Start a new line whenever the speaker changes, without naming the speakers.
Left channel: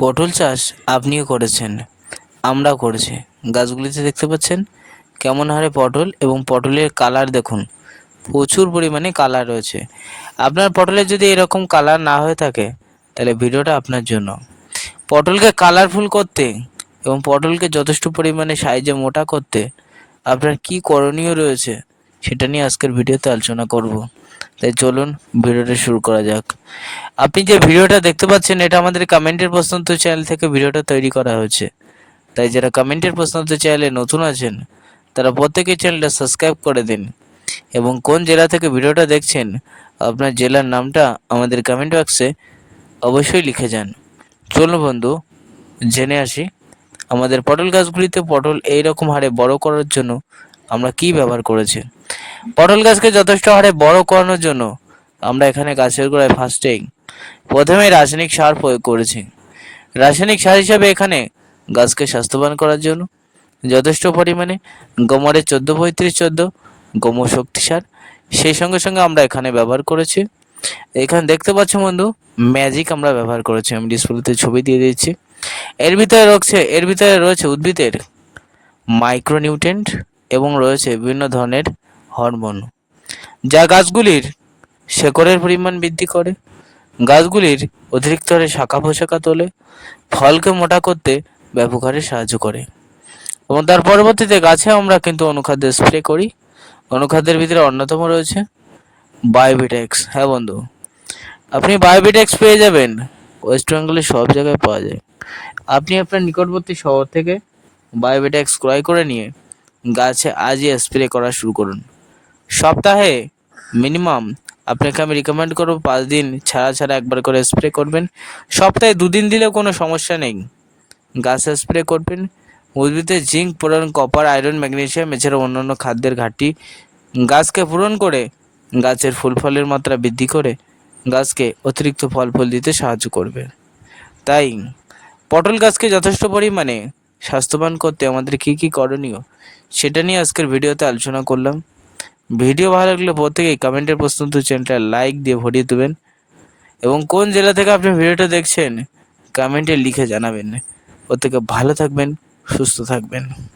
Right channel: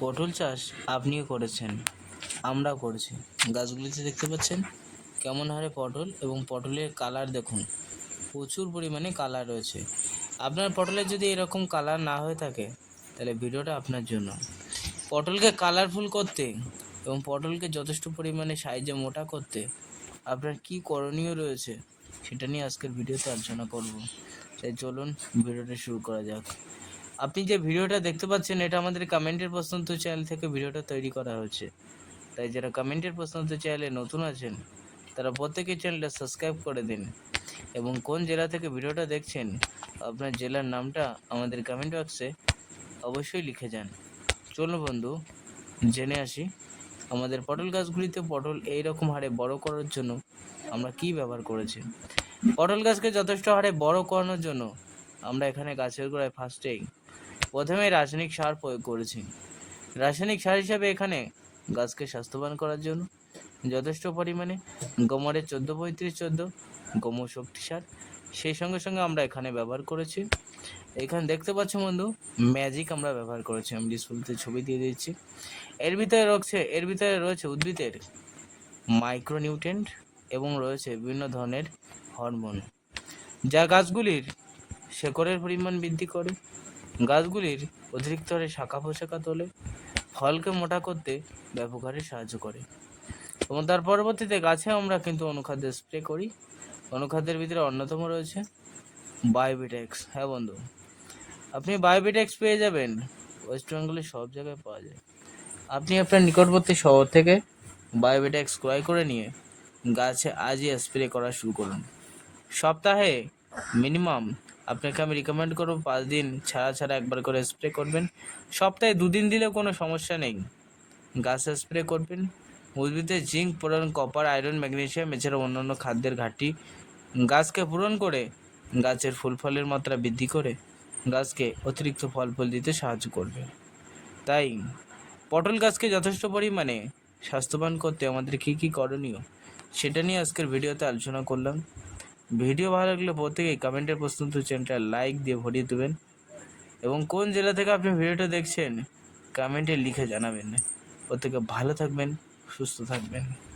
পটল চাষ আপনিও করেছেন, আমরাও করেছি। গাছগুলিতে দেখতে পাচ্ছেন কেমন হারে পটল এবং পটলের কালার দেখুন, প্রচুর পরিমাণে কালার রয়েছে। আপনার পটলের যদি এরকম কালার না হয়ে থাকে, তাহলে ভিডিওটা আপনার জন্য। পটলকে কালারফুল করতে এবং পটলকে যথেষ্ট পরিমাণে সাইজে মোটা করতে আপনার কি করণীয় রয়েছে, সেটা নিয়ে আজকের ভিডিওতে আলোচনা করব। তাই চলুন ভিডিওটা শুরু করা যাক। আপনি যে ভিডিওটা দেখতে পাচ্ছেন, এটা আমাদের কমেন্টের প্রশ্নোত্তর চ্যানেল থেকে ভিডিওটা তৈরি করা হয়েছে। তাই যারা কমেন্টের প্রশ্নোত্তর চ্যানেলে নতুন আছেন, তারা প্রত্যেকেই চ্যানেলটা সাবস্ক্রাইব করে দিন এবং কোন জেলা থেকে ভিডিওটা দেখছেন, আপনার জেলার নামটা আমাদের কমেন্ট বক্সে অবশ্যই লিখে যান। চলুন বন্ধু, জেনে আসি, আমাদের পটল গাছগুলিতে পটল এই রকম হারে বড় করার জন্য আমরা কি ব্যবহার করেছি? পটল গাছকে যথেষ্ট হারে বড় করানোর জন্য আমরা এখানে গাছের গোড়ায় ফার্স্টেই প্রথমে রাসায়নিক সার প্রয়োগ করেছি। রাসায়নিক সার হিসাবে এখানে গাছকে স্বাস্থ্যবান করার জন্য যথেষ্ট পরিমাণে গোমরের চোদ্দ, পঁয়ত্রিশ চোদ্দ গোমর শক্তি সার, সেই সঙ্গে সঙ্গে আমরা এখানে ব্যবহার করেছি। এখানে দেখতে পাচ্ছ বন্ধু ম্যাজিক আমরা ব্যবহার করেছি। আমি ডিসপ্লেতে ছবি দিয়ে দিচ্ছি। এর ভিতরে রয়েছে, এর ভিতরে রয়েছে উদ্ভিদের মাইক্রোনিউট্রেন্ট এবং রয়েছে বিভিন্ন ধরনের হরমোন। যা গাছগুলির শেকড়ের পরিমাণ বৃদ্ধি করে, গাছগুলির অতিরিক্ত হারে শাখা পোশাখা তোলে, ফলকে মোটা করতে ব্যাপক হারে সাহায্য করে। এবং তার পরবর্তীতে গাছে আমরা কিন্তু অনুখাদ্য স্প্রে করি। অনুখাদ্যের ভিতরে অন্যতম রয়েছে বায়োবিটেক্স হ্যাঁ বন্ধু, আপনি বায়োবিটেক্স পেয়ে যাবেন। ওয়েস্ট বেঙ্গলে সব জায়গায় পাওয়া যায়। আপনি আপনার নিকটবর্তী শহর থেকে বায়োবিটেক্স ক্রয় করে নিয়ে গাছে আজই স্প্রে করা শুরু করুন। সপ্তাহে মিনিমাম আপনাকে আমি রিকমেন্ড করব পাঁচ দিন ছাড়া ছাড়া একবার করে স্প্রে করবেন। সপ্তাহে দুদিন দিলেও কোনো সমস্যা নেই। গাছে স্প্রে করবেন। উদ্ভিদের জিঙ্ক পূরণ কপার আয়রন ম্যাগনেশিয়াম এছাড়া অন্যান্য খাদ্যের ঘাটতি গাছকে পূরণ করে গাছের ফুল ফলের মাত্রা বৃদ্ধি করে গাছকে অতিরিক্ত ফল ফুল দিতে সাহায্য করবে। তাই পটল গাছকে যথেষ্ট পরিমাণে স্বাস্থ্যবান করতে আমাদের কী কী করণীয় সেটা নিয়ে আজকের ভিডিওতে আলোচনা করলাম। ভিডিও ভালো লাগলে প্রত্যেকেই কমেন্টের প্রশ্নোত্তর চ্যানেলটা লাইক দিয়ে ভরিয়ে দেবেন এবং কোন জেলা থেকে আপনি ভিডিওটা দেখছেন কমেন্টে লিখে জানাবেন। প্রত্যেকে ভালো থাকবেন, সুস্থ থাকবেন।